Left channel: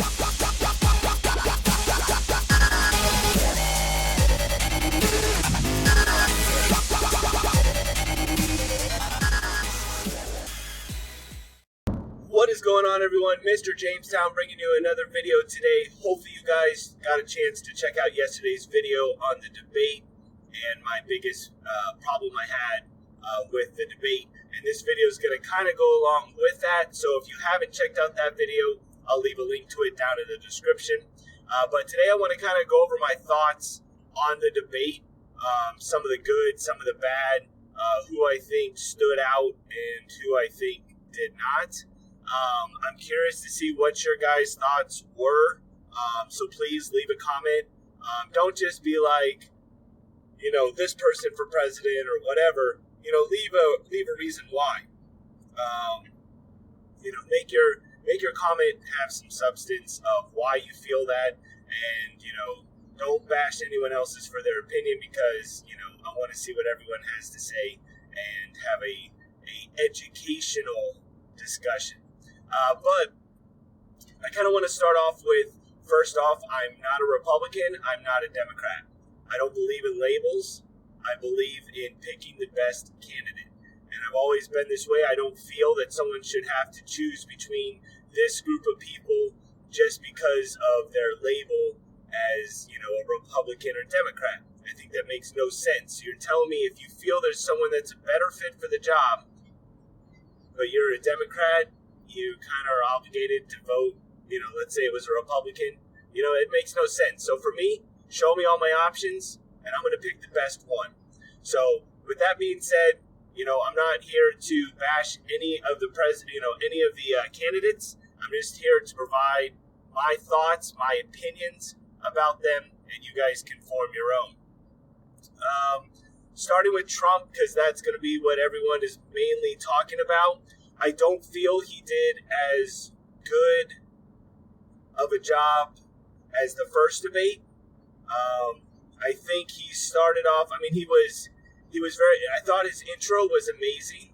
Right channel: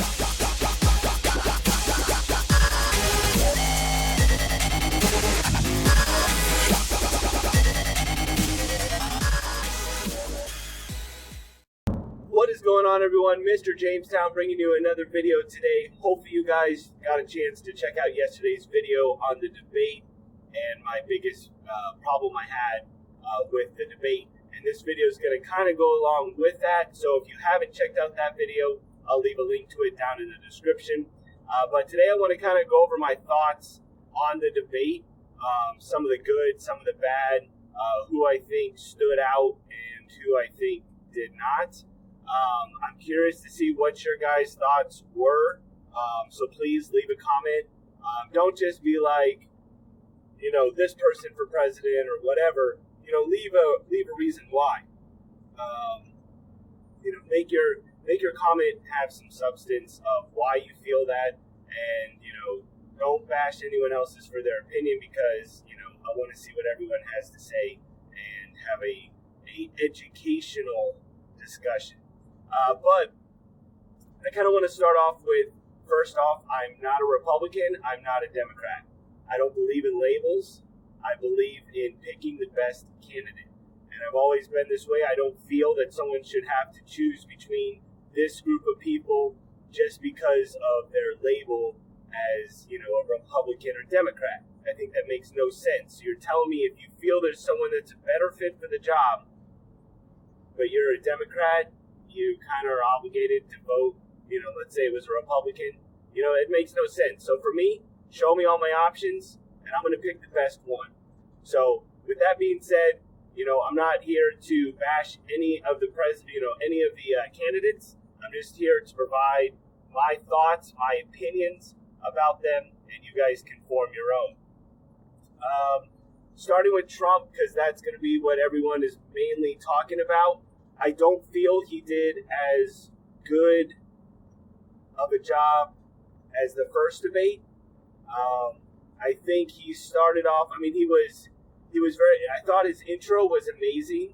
What is going on, everyone? Mr. Jamestown bringing you another video today. Hopefully you guys got a chance to check out yesterday's video on the debate and my biggest problem I had with the debate. And this video is going to kind of go along with that. So if you haven't checked out that video, I'll leave a link to it down in the description. But today I want to kind of go over my thoughts on the debate, some of the good, some of the bad, who I think stood out and who I think did not. I'm curious to see what your guys' thoughts were. So please leave a comment. Don't just be like, this person for president or whatever. Leave a reason why. Make your comment have some substance of why you feel that, and don't bash anyone else's for their opinion, because I want to see what everyone has to say and have a educational discussion. But I kind of want to start off with, first off, I'm not a Republican. I'm not a Democrat. I don't believe in labels. I believe in picking the best candidate. And I've always been this way. I don't feel that someone should have to choose between this group of people just because of their label as, a Republican or Democrat. I think that makes no sense. You're telling me if you feel there's someone that's a better fit for the job, but you're a Democrat, you kind of are obligated to vote, let's say it was a Republican, it makes no sense. So for me, show me all my options, and I'm going to pick the best one. So with that being said, I'm not here to bash any of the any of the candidates. I'm just here to provide my thoughts, my opinions about them, and you guys can form your own. Starting with Trump, because that's going to be what everyone is mainly talking about. I don't feel he did as good of a job as the first debate. I think he started off, he was I thought his intro was amazing.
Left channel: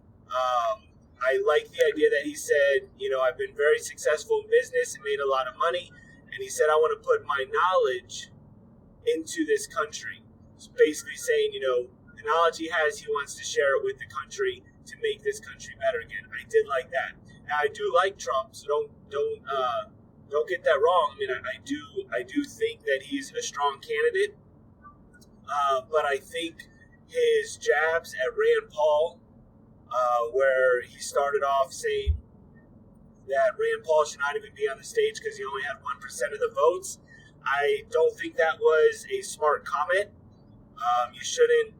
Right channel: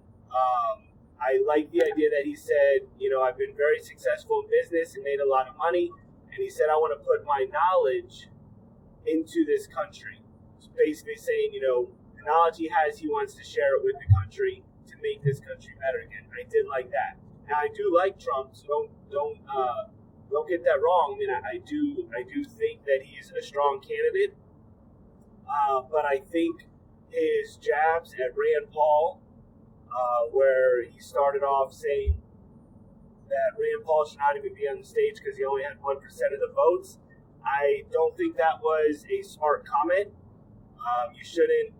I like the idea that he said, I've been very successful in business and made a lot of money. And he said, I want to put my knowledge into this country. It's basically saying, the knowledge he has, he wants to share it with the country to make this country better again. I did like that. Now I do like Trump, so don't get that wrong. I do think that he's a strong candidate, but I think his jabs at Rand Paul, where he started off saying that Rand Paul should not even be on the stage because he only had 1% of the votes. I don't think that was a smart comment. You shouldn't,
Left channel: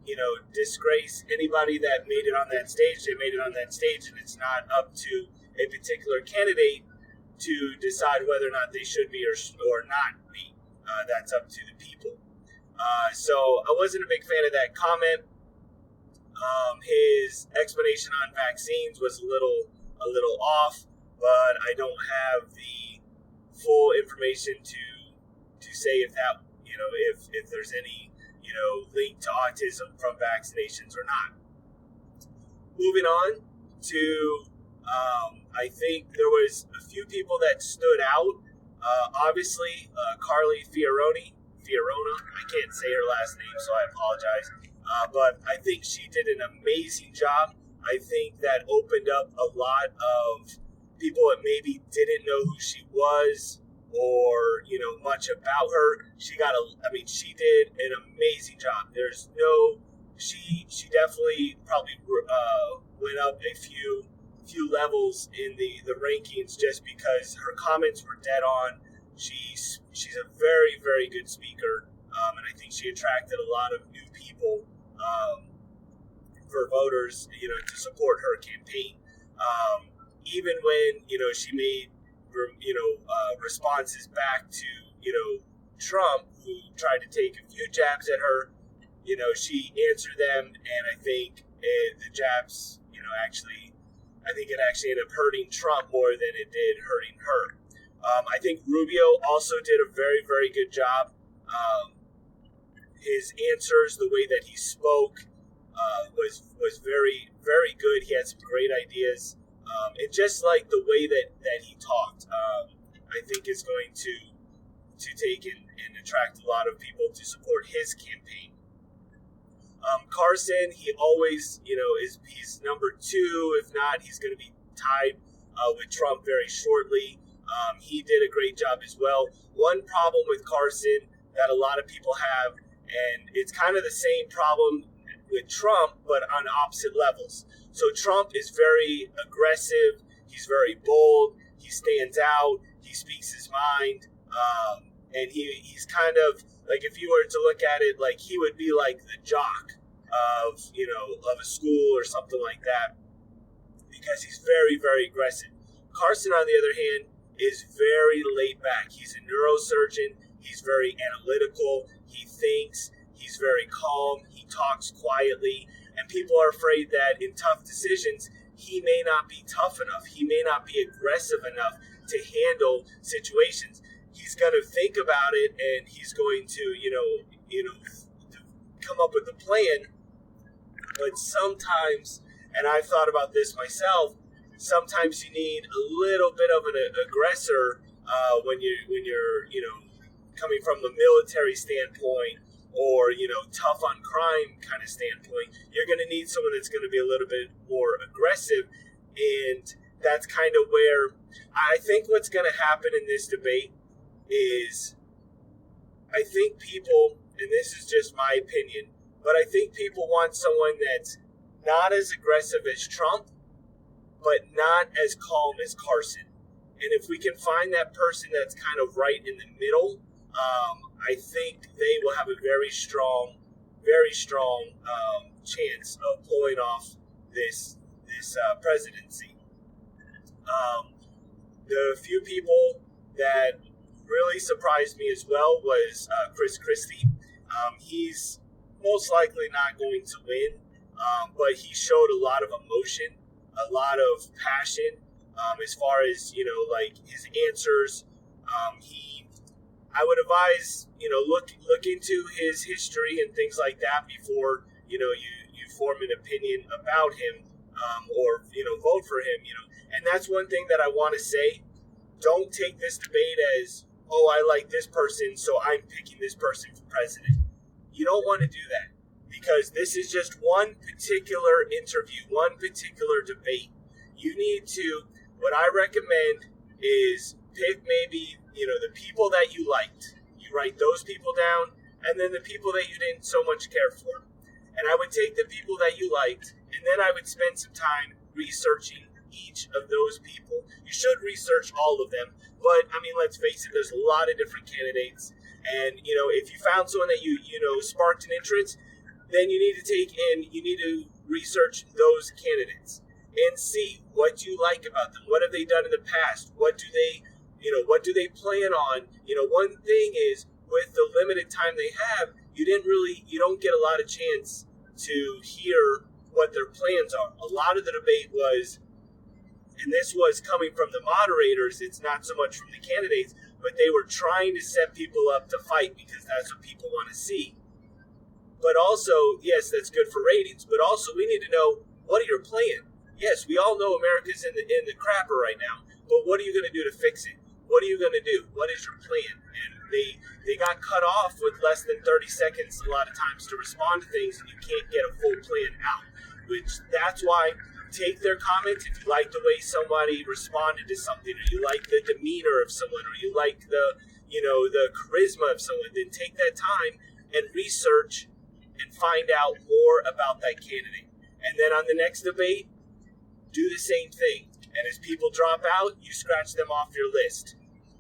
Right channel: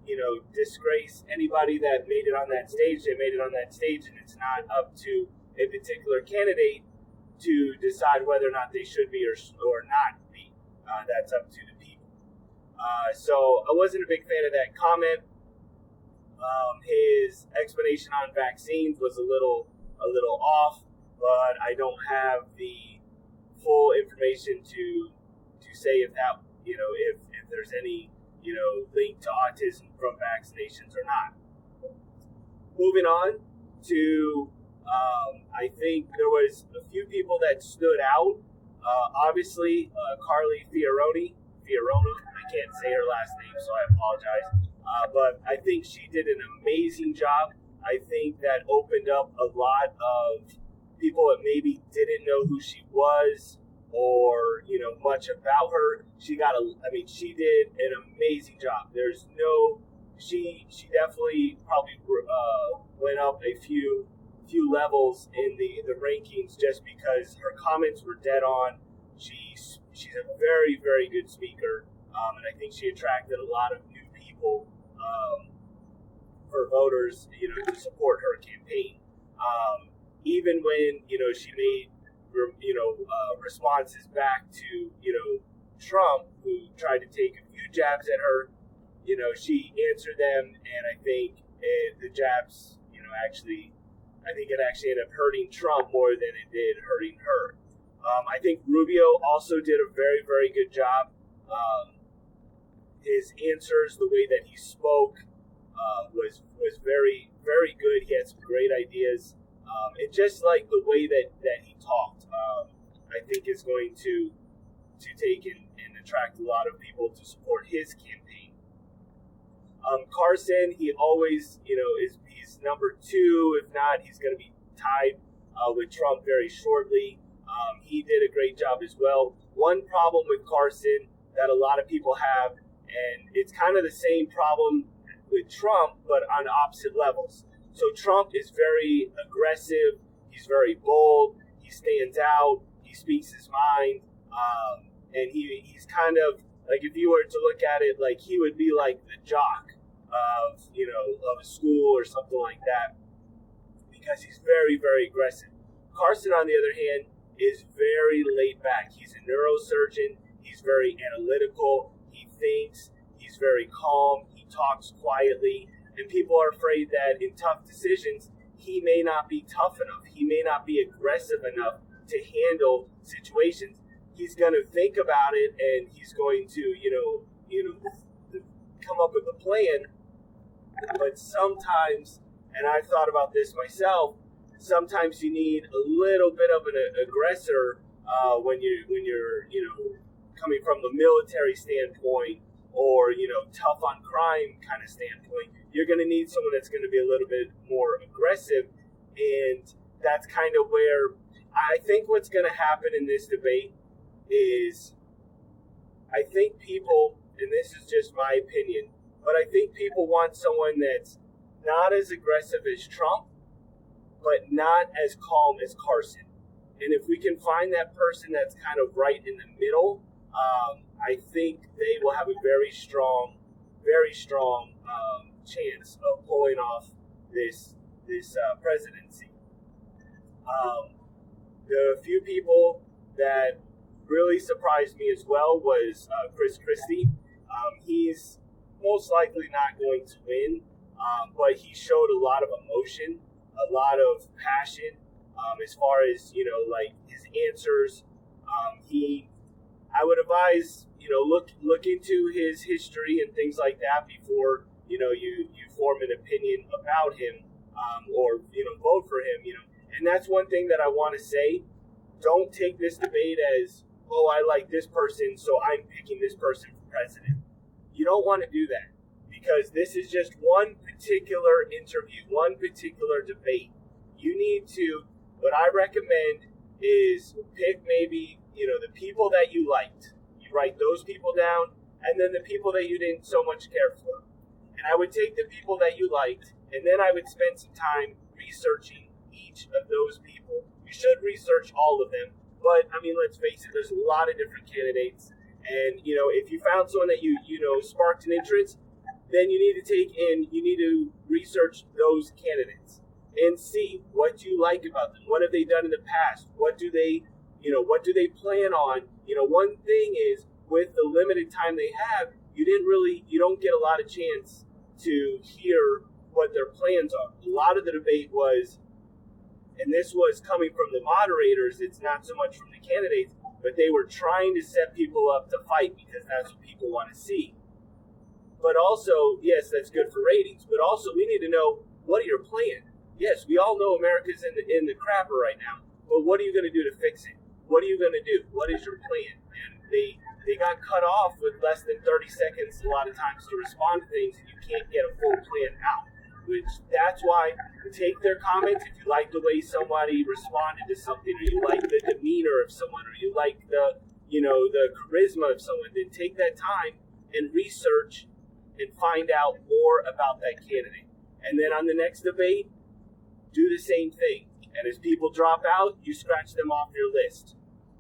disgrace anybody that made it on that stage. They made it on that stage, and it's not up to a particular candidate to decide whether or not they should be or not be. That's up to the people. So I wasn't a big fan of that comment. His explanation on vaccines was a little off, but I don't have the full information to say if that, if there's any link to autism from vaccinations or not. Moving on to, I think there was a few people that stood out. Obviously, Carly Fiorina. I can't say her last name, so I apologize. But I think she did an amazing job. I think that opened up a lot of people that maybe didn't know who she was or much about her. She did an amazing job. She definitely probably went up a few levels in the rankings just because her comments were dead on. She's a very, very good speaker, and I think she attracted a lot of new people for voters, to support her campaign. Even when she made responses back to Trump, who tried to take a few jabs at her, she answered them, and I think the jabs, I think it actually ended up hurting Trump more than it did hurting her. I think Rubio also did a very, very good job. His answers, the way that he spoke, was very, very good. He had some great ideas, and just like the way that he talked. I think is going to take and attract a lot of people to support his campaign. Carson, he always, he's number 2. If not, he's going to be tied with Trump very shortly. He did a great job as well. One problem with Carson that a lot of people have, and it's kind of the same problem with Trump, but on opposite levels. So Trump is very aggressive. He's very bold. He stands out. He speaks his mind. And he's kind of like, if you were to look at it, like he would be like the jock of a school or something like that, because he's very, very aggressive. Carson, on the other hand, is very laid back. He's a neurosurgeon. He's very analytical. He thinks. He's very calm. He talks quietly. And people are afraid that in tough decisions, he may not be tough enough. He may not be aggressive enough to handle situations. He's going to think about it, and he's going to, to come up with a plan. But sometimes, and I've thought about this myself, sometimes you need a little bit of an aggressor when you're coming from the military standpoint, or tough on crime kind of standpoint. You're going to need someone that's going to be a little bit more aggressive, and that's kind of where I think what's going to happen in this debate is, I think people, and this is just my opinion, but I think people want someone that's not as aggressive as Trump, but not as calm as Carson. And if we can find that person that's kind of right in the middle, I think they will have a very strong chance of pulling off this presidency. The few people that really surprised me as well was Chris Christie. He's most likely not going to win, but he showed a lot of emotion, a lot of passion, as far as like his answers. I would advise look into his history and things like that before you form an opinion about him, or vote for him. And that's one thing that I want to say. Don't take this debate as, oh, I like this person, so I'm picking this person for president. You don't want to do that, because this is just one particular interview, one particular debate. You need to, what I recommend is pick maybe, the people that you liked. You write those people down, and then the people that you didn't so much care for. And I would take the people that you liked, and then I would spend some time researching each of those people. You should research all of them, but I mean, let's face it, there's a lot of different candidates. And, if you found someone that you sparked an interest, then you need to research those candidates and see what you like about them. What have they done in the past? What do they plan on? One thing is, with the limited time they have, you don't get a lot of chance to hear what their plans are. A lot of the debate was, and this was coming from the moderators, it's not so much from the candidates, but they were trying to set people up to fight because that's what people want to see. But also, yes, that's good for ratings, but also we need to know, what are your plans? Yes, we all know America's in the crapper right now, but what are you going to do to fix it? What are you going to do? What is your plan? And they got cut off with less than 30 seconds a lot of times to respond to things, and you can't get a full plan out. That's why, take their comments. If you like the way somebody responded to something, or you like the demeanor of someone, or you like the charisma of someone, then take that time and research and find out more about that candidate. And then on the next debate, do the same thing. And as people drop out, you scratch them off your list.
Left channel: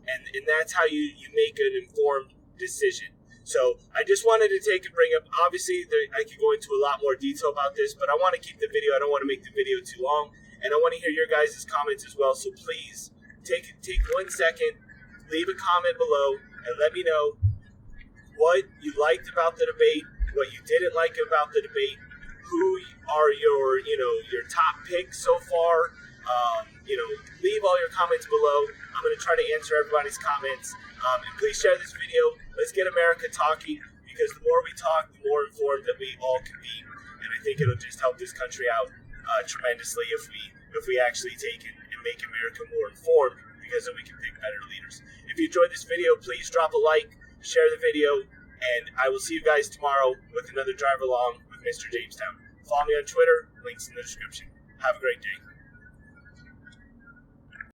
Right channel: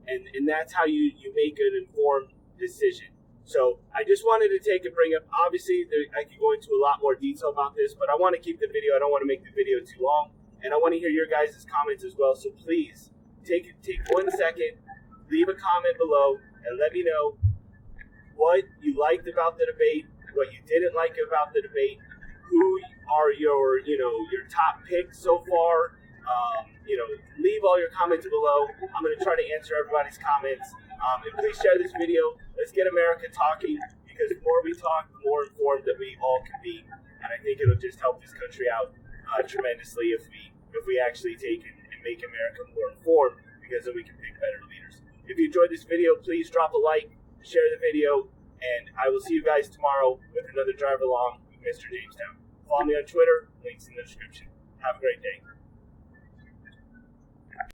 And that's how you make an informed decision. So I just wanted to bring up, obviously I could go into a lot more detail about this, but I want to keep the video. I don't want to make the video too long. And I want to hear your guys' comments as well. So please take 1 second, leave a comment below, and let me know what you liked about the debate, what you didn't like about the debate, who are your top picks so far. Leave all your comments below. I'm going to try to answer everybody's comments. And please share this video. Let's get America talking, because the more we talk, the more informed that we all can be. And I think it'll just help this country out tremendously if we actually take it and make America more informed, because we can pick better leaders. If you enjoyed this video, please drop a like, share the video, and I will see you guys tomorrow with another Drive Along with Mr. Jamestown. Follow me on Twitter, links in the description. Have a great day.